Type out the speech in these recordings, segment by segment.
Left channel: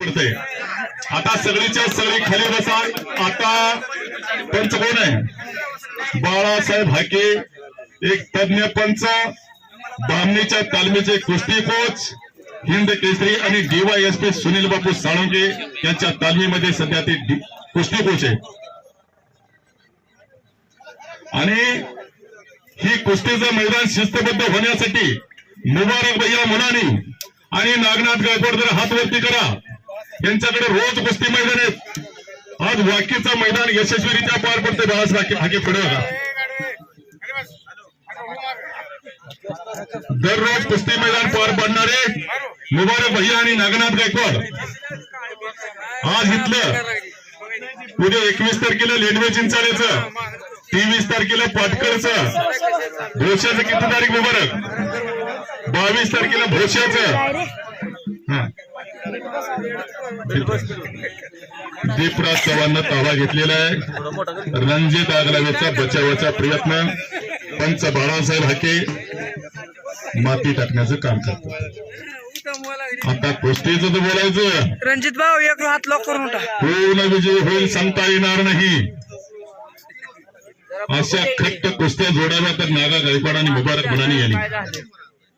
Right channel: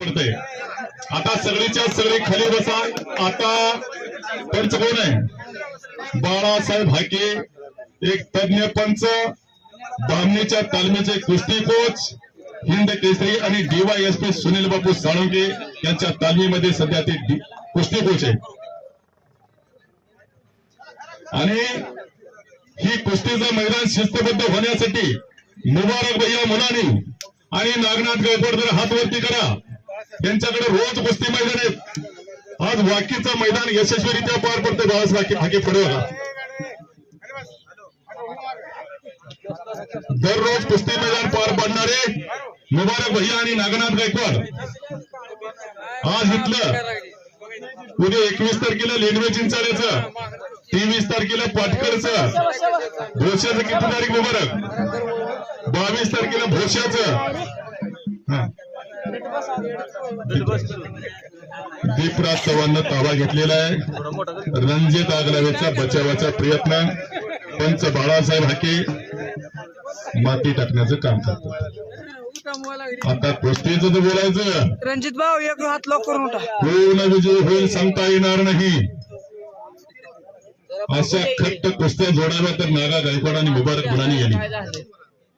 आता सगळीच्या सगळी खाली बसा. आता पंच कोण आहे? बाळासाहेब हाके एक तज्ञ पंच बामणीच्या तालमीचे कुस्ती कोच हिंद केसरी आणि डीवायएसपी सुनील बापू साळुंके यांच्या तालमीमध्ये सध्या ते कुस्ती कोच आहे. आणि ही कुस्तीचं मैदान शिस्तबद्ध होण्यासाठी मुबारक भैया मनानी आणि नागनाथ गायकवाड जर हात वरती करा. यांच्याकडे रोज कुस्ती मैदान आहेत. आज वाकीचं मैदान यशस्वीरित्या पार पडतं गावास वाकी हाके पडे दररोज कुस्ती मैदान पार पाडणारे मुबारक भैया आणि नागनाथ गायकवाड. आज इथलं उद्या एकवीस तारखेला लेडवे चिंचाळेचं तेवीस तारखेला पाटकरचं भोश्याचं किती तारीख मुबारक? बावीस तारखेला भोश्याचं. दीपराज चव्हाणनं ताबा घेतलेला आहे. रणजित आगलावेचा बचावाचा प्रयत्न. पंच बाळासाहेब हाके माती टाकण्याचं काम करतो आता कुस्तीचं तर बोलायचं. रणजित भाऊ एक हात लॉक करून पूर्ण विजय होईल सांगता येणार नाही. अशा खट्ट कुस्त्या जोडाव्या तर नागा गायकवाड आणि मुबारक गुणानी यांनी.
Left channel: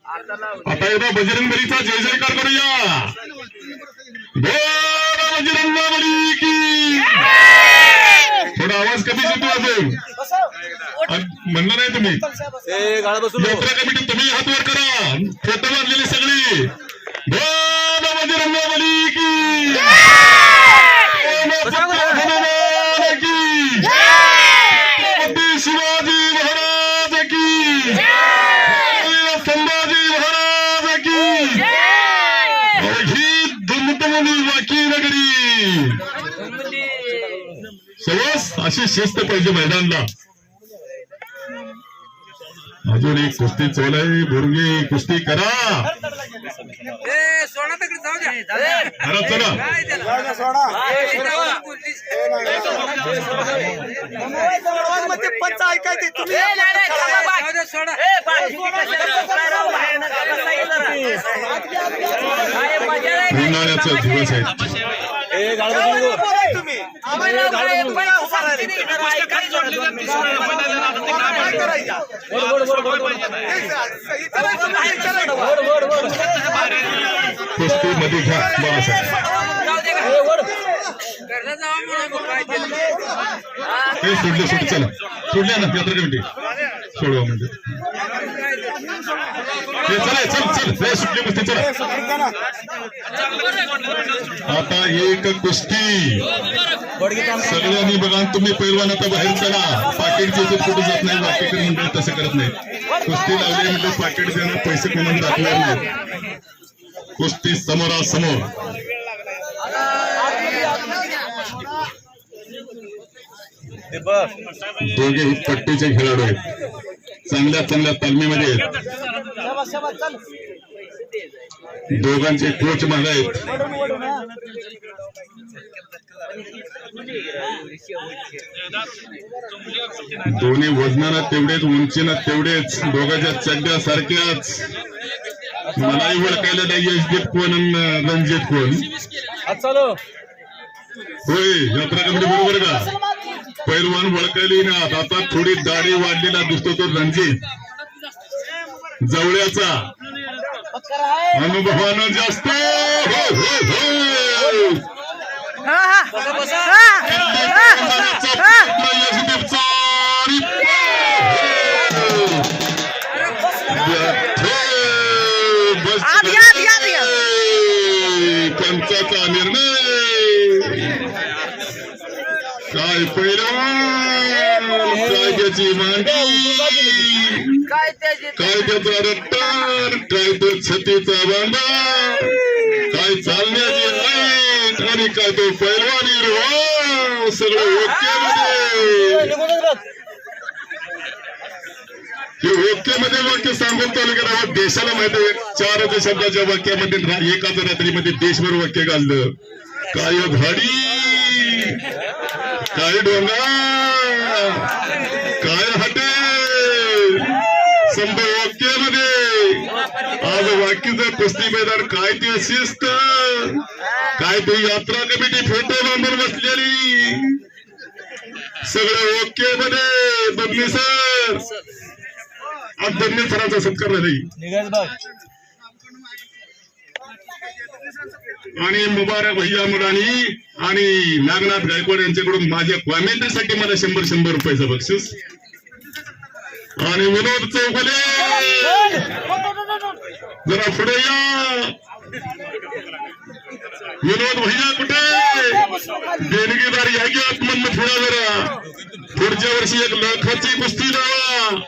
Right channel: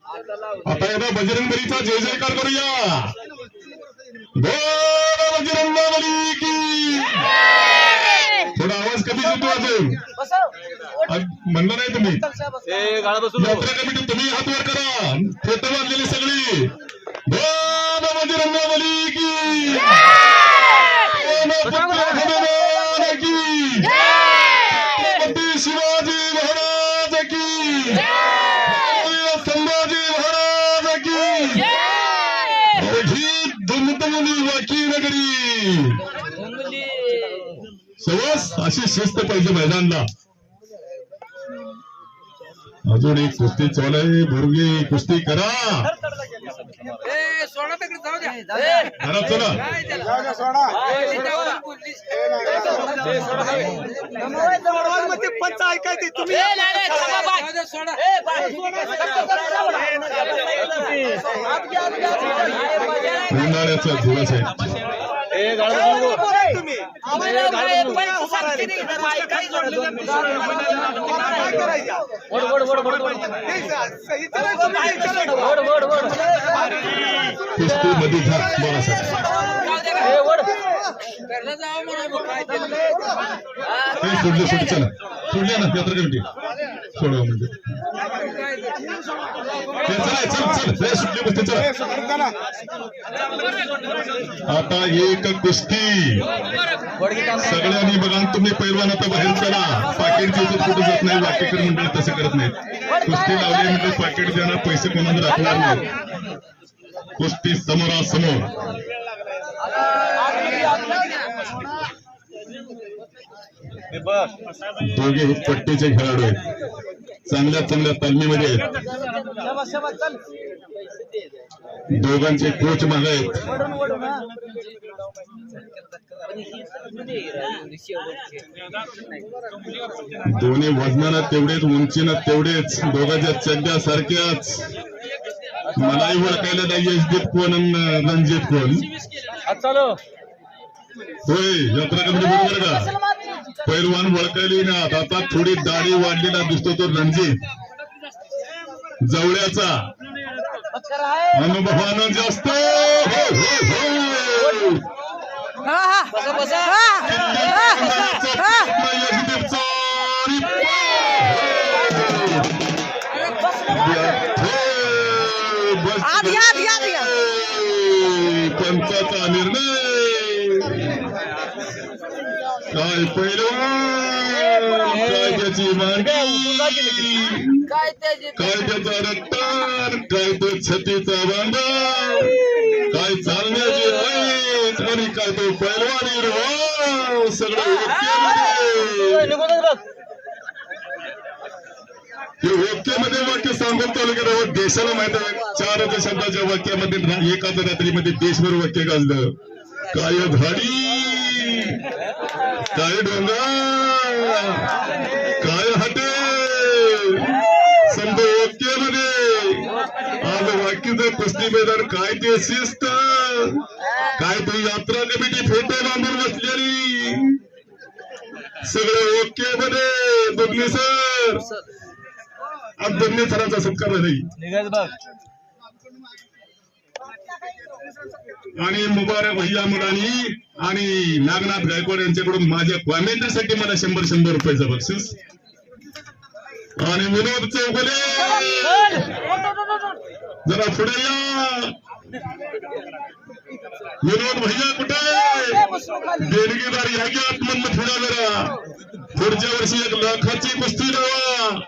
आता एकदा बजरंगबलीचा जय जयकार करूया. थोडा आवाज कमी आज म्हणलं नाही तुम्ही. यात्रा कमिटी तुम्ही हात वर करा. फोटो बांधलेली सगळी बोल बजरंगबली की बोल सत्य हनुमान की छत्रपती शिवाजी महाराज की वीर संभाजी महाराज की और ही वाकी नगरी सवस अशी शिस्त पाहिजे मैदानला. अजून एक कुस्ती चालू आहे. बोरगे कुस्ती करा. ए सोडा तकडे जाऊ द्या. करा चला. मध्ये पंच ऐकायचे तुम्ही. जावं म्हणून मग काय हे सोडले सोड चला. सोडल्या ना यात्रा कमिटी सोडवा म्हणजे. हे चला चल चल. हे सुटली कुस्ती चला. आता एक कुस्ती. सगळ्यांनी बघा तुम्ही पैलवान आता बाहेर चला पाकिट जे कुठे जात नाही वाटेकर मंडळ तसं करत नाही. कुस्ती लावली म्हणजे पाकिट देणार पैसे कोणाला दाखवणार नाही. कुस्ती समोरासमोर. दोघे हे पट्टीचे खेळाडू आहेत. चांगल्या चांगल्या तालमीमध्ये. आहेत दोघांचे कोच महाग आहेत. दोन्ही वजनाला तेवढेच उंचीला तेवढेच दोघांच्या चड्ड्या सारख्याच. मलाही ओळखायला नाही यशदीप कोण आणि रणजित कोण? होय यात्रा कमिटी बरोबर का? पैलवान वळखली ना आता थोडी दाढी वाढलेला दिसतो तो रणजित. जवळ्याचा अनुभवानं जास्त हो, हो, हो. हा हा हा. हा हा. यशदीपचा आत घ्या आत घ्या आत घ्या पंचाचा निर्णय. काय पैलवान काय त्याची मांडी काय त्याचे काय त्याचा रट्टार काय तो? छतीचा बांधा काय चालण्याची रीत आणि काय तो पैलवानी रो. सगळं. हे ओकेमध्ये वाक्य सांगत तालुक्यात आहोत देशाला माहीत आहे चार शब्दाच्या वाक्यामध्ये एकाच रात्रीमध्ये देशभर वाक्य गाजलं काय झाडी काय डोंगा? काय हटे? समजा वाक्यामध्ये आज वाक्याचं कुस्ती मैदान काय ते शिस्त? काय तू यात्रा कमिटी फोटो बांधून बसलेली. सगळं ओके मध्ये दोन्ही सर. आज दोन्ही सरांचा सत्कार नाही आणि मुबारक भैया मुलांनी आणि नागनाथ गायकवाड यांच्याकडून माझ्या कॉमेंट्रीसाठी मला शंभर शंभर रुपयाचं बक्षीस. आणि विनोद चौगुले. जरा पुढे या. विनोद भैया कुठे? देणगीदार या की आतमधनं थोडा जरा? पुढच्या वर्षी एक लाखाची कुस्ती लावा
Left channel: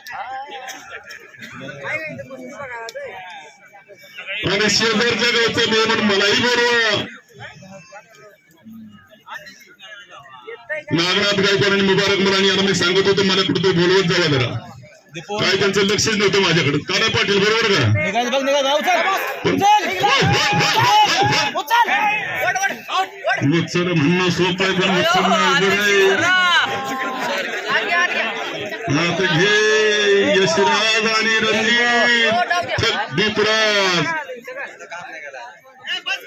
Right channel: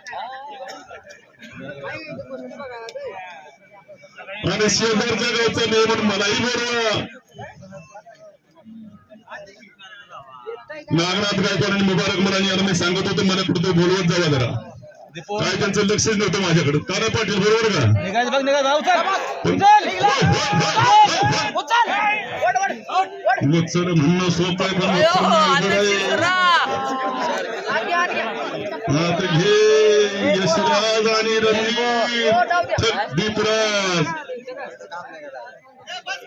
आणि शेजारच्या गावचं नियमन मलाही बरोबर नागनाथ गायकवाड आणि मुबारक मुलांनी यांना मी सांगत होतो मला कुठं बोलवत जावा जरा. काय त्यांचं लक्षच नव्हतं माझ्याकडे. कारा पाटील बरोबर का? मच्छर म्हणणं सोपं आहे पण मच्छर नाही अवघड आहे. आता घे यशराज आणि रणजित थेट दीपराज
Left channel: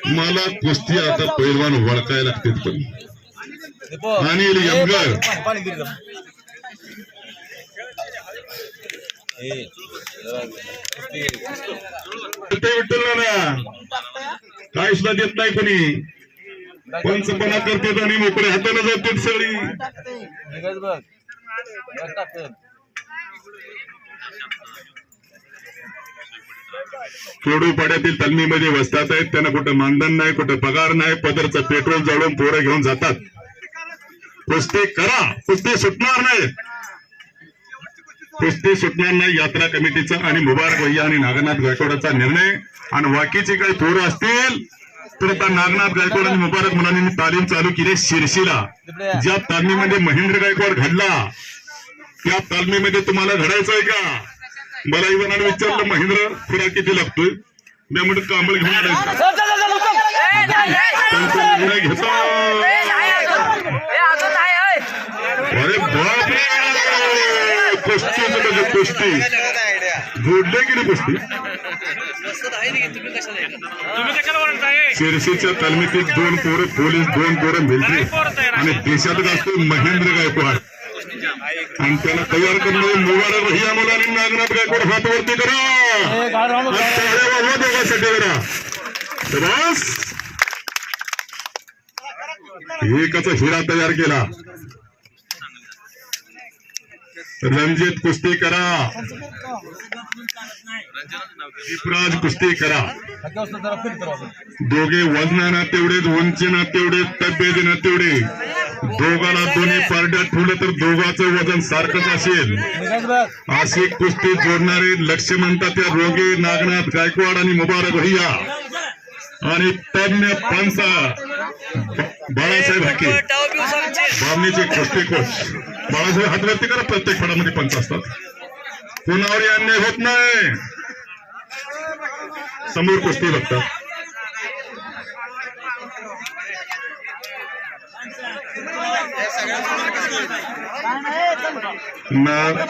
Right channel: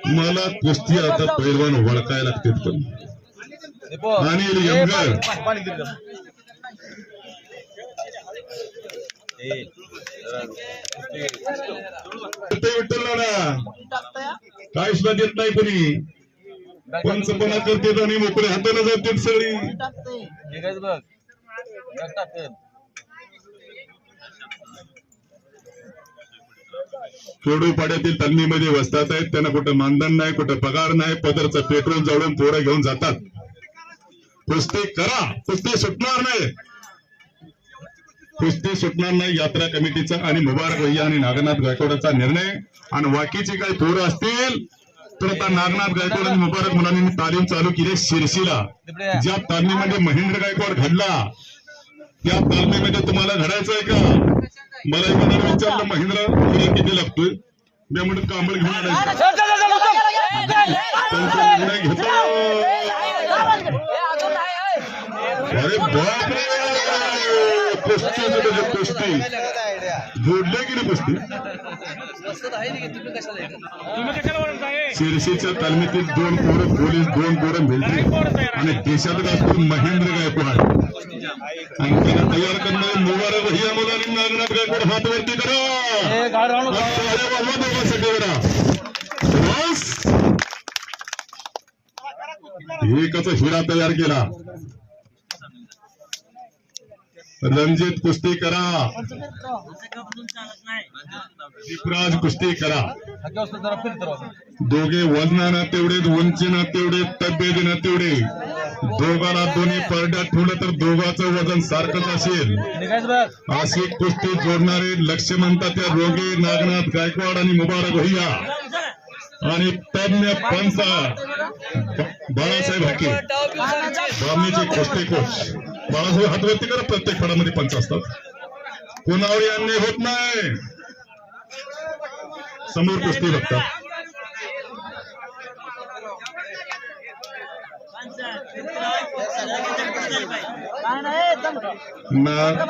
मला कुस्ती आता पैलवान वळकायला लागतात पण अनिल यंगर ते विठ्ठल ना काय सुद्धा देत नाही कोणी पंचपणा करतात आणि मोकळ्या हाताने जातात सगळी. खेडोपाड्यातील तालमीमध्ये वसतात आहेत. त्यांना कुठं मानधन नाही कुठं पगार नाही. पदरचं पेट्रोल जळून पोरं घेऊन जातात. कुस्ती करा. कुस्ती सुटणार नाही. कुस्ती सुटणार नाही. यात्रा कमिटीचा आणि मुबारक भैया आणि नागनाथ गायकवाडाचा निर्णय. आणि बाकीचे काही पोरं असतील तर आता नागनाथ गायकवाड आणि मुबारक मुलांनी तालीम चालू केली शिरशीला ज्या तालमीमध्ये महेंद्र गायकवाड घडला त्या तालमीमध्ये तुम्हाला घडायचं आहे का मला मनाने विचारलं महेंद्र तुला किती लागतोय मी म्हणतो कांबळ घेऊन घेतो अरे बापरे कुस्ती म्हणजे कुस्ती जोडले की नाही कुस्ती शिरशीच्या तालमीतील दोन पोरं पोलीस दोन पोरं मिळते आणि देशात असतो महेंद्र गायकवाड. आणि त्याला तयार करणारे मुबारक भैया मुलांनी नागनाथ गायकवाड हात वरती करा. देवासाठी करा एकाचा हिरा तयार केला. रणजित कुस्ती करा दीपराज कुस्ती करा दोघे वजनानं तेवढेच उंची ना तेवढेच तब्येतीनं तेवढे. दोघांना दोन्ही पारड्यात ठेवले तर दोघाचं वजन सारखंच असेल. अशी कुस्ती जोडणारे लक्ष म्हणतात त्या रोगे नागनाथ गायकवाड आणि मुबारक भैया. आणि तज्ञ पंचा बाळासाहेब हाके. बामणीचे कुस्ती कोच. बाळासाहेब व्यक्ती करा प्रत्येक खेळामध्ये पंच असतात. कोणावरही अन्याय होत नाही. समोर कुस्ती बघतात. नाग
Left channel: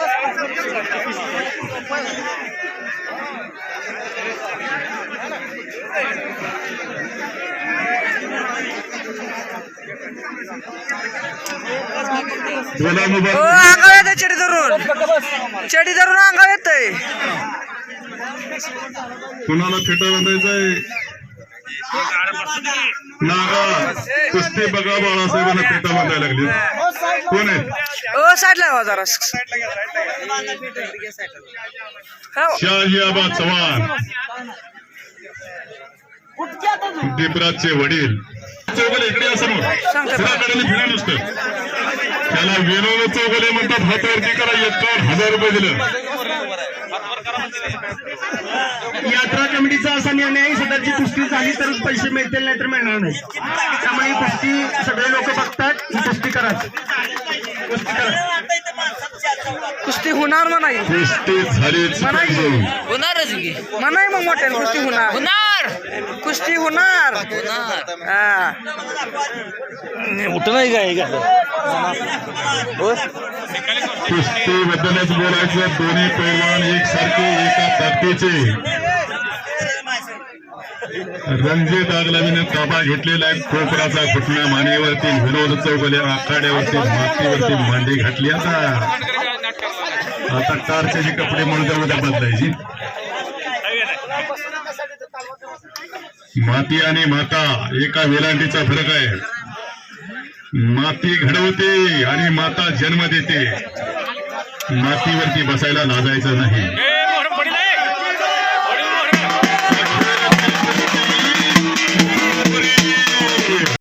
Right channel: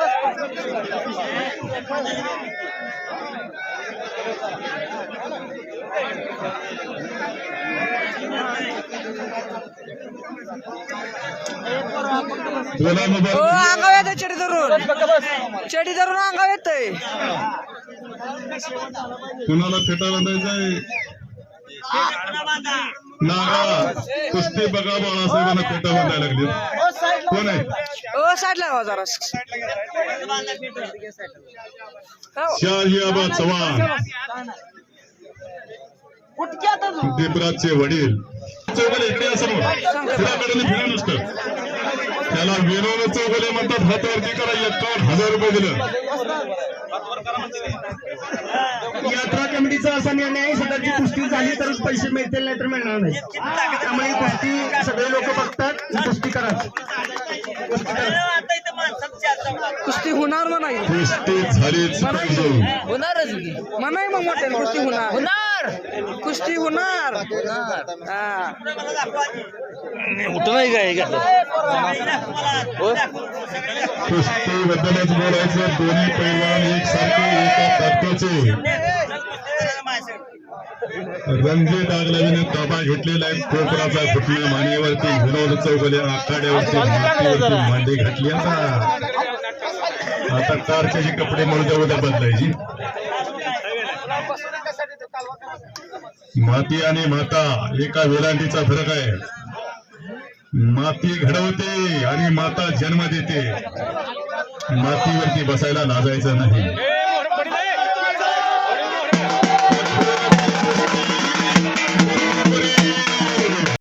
हो अंगाव येतंय चडी धरून. चडी धरून अंगाव येतंय. कुणाला फेटा बांधायचंय? नागा. कुस्ती बघा बाळासाहेबांना फेटा बांधायला लागली. कोण आहे? ओ साईडला हो जरा. हो. शहाजीआबा चव्हाण. दीपराजचे वडील. चौगले इकडे असं सांगते. फिरा नुसतं. त्याला विनोद चौगले म्हणतात हातावरती करा एकावन्न हजार रुपये दिलं. यात्रा कमिटीचा असा निर्णय आहे सदरची कुस्ती झाली तरच पैसे मिळतील नाही तर मिळणार नाही. त्यामुळे कुस्ती सगळे लोक बघतात ही कुस्ती करा कुस्ती करा कुस्ती होणार म्हणाई. कुस्ती झालीच म्हणाई. पाहिजे. होणारच म्हणाई मग मोठ्याने कुस्ती होणार. होणार. कुस्ती होणार. हा. कुस्ती बद्दलच बोलायचं दोन्ही पैलवान एकसारखे एका रणजित ताबा घेतलेला आहे. कोकराचा घुटणा मानेवरती विनोद चौगले आखाड्यावरती मातीवरती भांडी घातली आता. आता टारचे कपडे म्हणून उद्या बदलायची. माती आणि माता एका वेलांटीचा फरक आहे. माती घडवते आणि माता जन्म देते. मातीवरती बसायला लाजायचं नाही.